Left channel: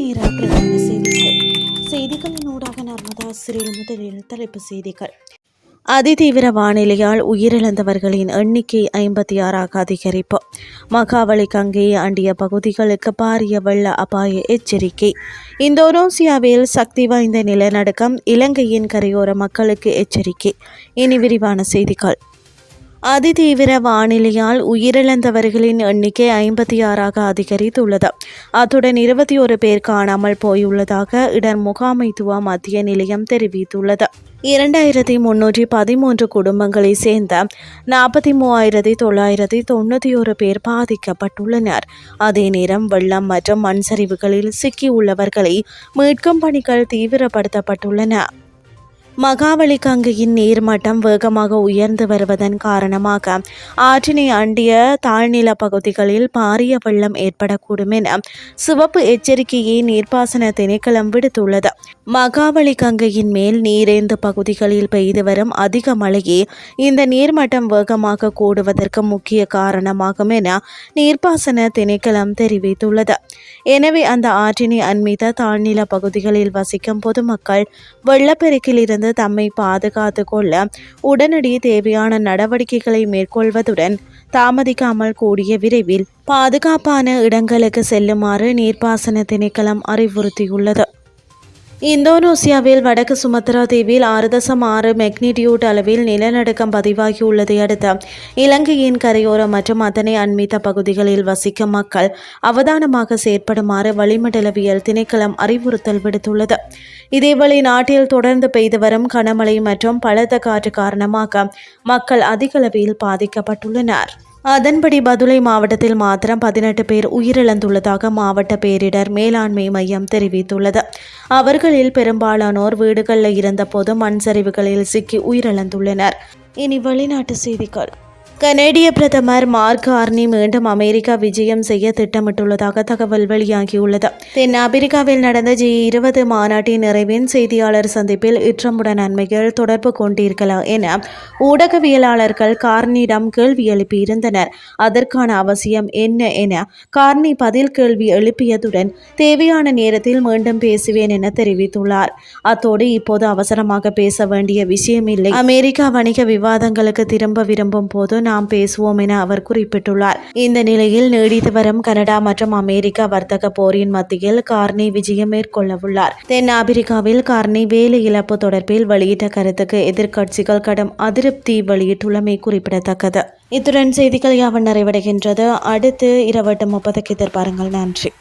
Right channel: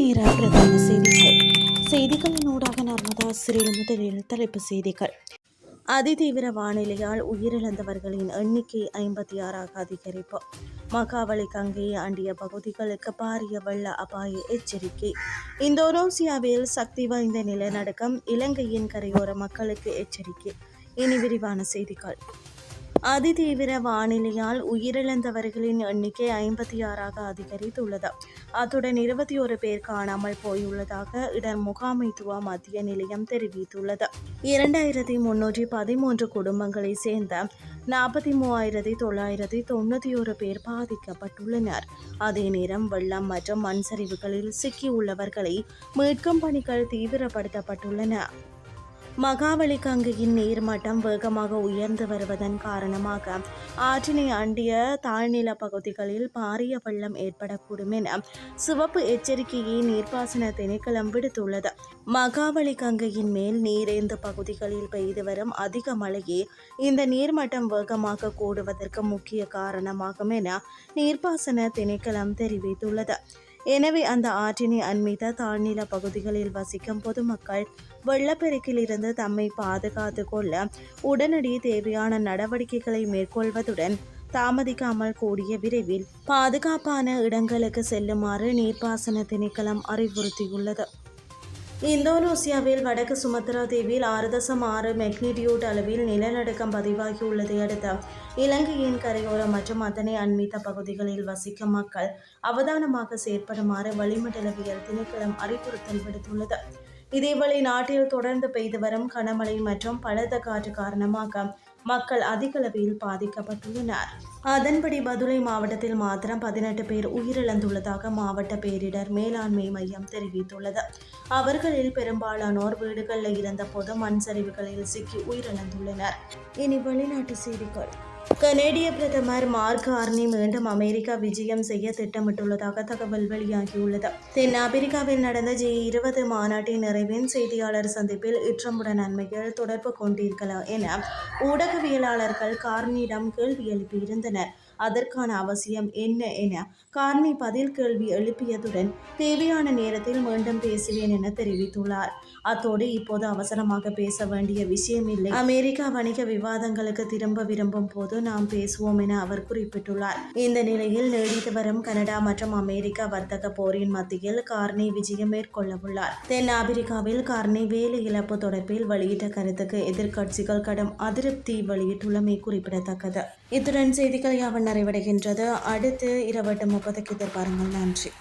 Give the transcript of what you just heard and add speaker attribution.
Speaker 1: நேர பிரதான செய்திகள். செய்திகளின் ஊடாக நர்மதா சிறில் முதலில் தலைப்பு செய்திகள். அதிதீவிர வானிலையால் உயிரிழந்தவர்களின் எண்ணிக்கை ஐம்பத்தி ஆறாக அதிகரிப்பு. மகாவளி கங்கையை அண்டிய பகுதிகளுக்கு பாரிய வெள்ள அபாய எச்சரிக்கை. இந்தோனேசியாவில் சக்தி வாய்ந்த நிலநடுக்கம் இலங்கையின் கரையோர மக்களுக்கு எச்சரிக்கை. இனி விரிவான செய்திகள். அதிதீவிர வானிலையால் உயிரிழந்தவர்களின் எண்ணிக்கை ஐம்பத்தி ஆறாக அதிகரித்துள்ளது. அத்துடன் இருபத்தி ஒரு பேர் காணாமல் போயுள்ளதாக இடர் முகாமைத்துவ மத்திய நிலையம் தெரிவித்துள்ளது. இரண்டாயிரத்தி முன்னூற்றி பதிமூன்று குடும்பங்களை சேர்ந்த நாற்பத்தி மூவாயிரத்தி தொள்ளாயிரத்தி தொண்ணூற்றி ஒரு பேர் பாதிக்கப்பட்டுள்ளனர். அதே நேரம் வெள்ளம் மற்றும் மண் சரிவுகளில் சிக்கியுள்ளவர்களை மீட்கும் பணிகள் தீவிரப்படுத்தப்பட்டுள்ளன. மகாவளி கங்கையின் நீர்மட்டம் வேகமாக உயர்ந்து வருவதன் காரணமாக ஆற்றினை அண்டிய தாழ்நில பகுதிகளில் பாரிய வெள்ளம் ஏற்படக்கூடும் என சிவப்பு எச்சரிக்கையை நீர்ப்பாசன திணைக்களம் விடுத்துள்ளது. மகாவலி கங்கையின் மேல் நீரேந்து பகுதிகளில் பெய்து வரும் அதிக மழையே இந்த நீர்மட்டம் வேகமாக கூடுவதற்கு முக்கிய காரணமாகும் என நீர்ப்பாசன திணைக்களம் தெரிவித்துள்ளது. எனவே அந்த ஆற்றினை அண்மித்த தாழ்நில பகுதிகளில் வசிக்கும் பொதுமக்கள் வெள்ளப்பெருக்கில் இருந்து இருந்து தம்மை பாதுகாத்து கொள்ள உடனடி தேவையான நடவடிக்கைகளை மேற்கொள்வதுடன் தாமதிக்காமல் கூடிய விரைவில் பாதுகாப்பான இடங்களுக்கு செல்லுமாறு நீர்ப்பாசன திணைக்களம் அறிவுறுத்தியுள்ளது. இந்தோனேசியாவில் வடக்கு சுமத்ரா தீவில் ஆறு தசம் ஆறு மெக்னிடியூட் அளவில் நிலநடுக்கம் பதிவாகியுள்ளதை அடுத்து இலங்கையின் கரையோரம் மற்றும் அதனை அண்மித்த பகுதிகளில் வசிக்கும் மக்கள் அவதானமாக செயற்படுமாறு வளிமண்டலவியல் திணைக்களம் அறிவுறுத்தல் விடுத்துள்ளது. இதேவேளை நாட்டில் தொடர்ந்து பெய்து வரும் கனமழை மற்றும் பலத்த காற்று காரணமாக மக்கள் அதிகளவில் பாதிக்கப்பட்டுள்ளனர். அதன்படி பதுளை மாவட்டத்தில் மாத்திரம் பதினெட்டு பேர் உயிரிழந்துள்ளதாக மாவட்ட பேரிடர் மேலாண்மை மையம் தெரிவித்துள்ளது. அவர்களில் பெரும்பாலானோர் வீடுகளில் இருந்தபோது மண் சரிவுகளில் சிக்கி உயிரிழந்துள்ளனர். இனி வெளிநாட்டு செய்திகள். கனேடிய பிரதமர் மார்க் கார்னி மீண்டும் அமெரிக்கா விஜயம் செய்ய திட்டமிட்டுள்ளதாக தகவல் வெளியாகியுள்ளது. தென் ஆப்பிரிக்காவில் நடந்த ஜி இருபது மாநாட்டின் நிறைவின் செய்தியாளர் சந்திப்பில் இற்றமுடன் நன்மைகள் தொடர்பு கொண்டிருக்கலாம் என ஊடகவியலாளர்கள் கார்னியிடம் கேள்வி எழுப்பியிருந்தனர். அதற்கான அவசியம் என்ன என கார்னி பதில் கேள்வி எழுப்பியதுடன் தேவையான நேரத்தில் மீண்டும் பேசுவேன் என தெரிவித்துள்ளார். அத்தோடு இப்போது அவசரமாக பேச வேண்டிய விஷயமில்லை. அமெரிக்கா வணிக விவாதங்களுக்கு திரும்ப விரும்பும் போது நாம் பேசுவோம் என அவர் குறிப்பிட்டுள்ளார். இந்த நிலையில் நீடித்து வரும் கனடா மற்றும் அமெரிக்கா வர்த்தக போரின் மத்தியில் கார்னி விஜயம் மேற்கொள்ளவுள்ளார். தென் ஆப்பிரிக்காவில் கார்னி வேலை இழப்பு தொடர்பில் வெளியிட்ட கருத்துக்கு எதிர்க்கட்சிகள் கடும் அதிருப்தி வெளியிட்டுள்ளமை குறிப்பிடத்தக்கது. இத்துடன் செய்திகள் யாவன் நிறைவடைகின்றது. அடுத்து இரவட்டு முப்பதுக்கு எதிர்பாருங்கள். நன்றி.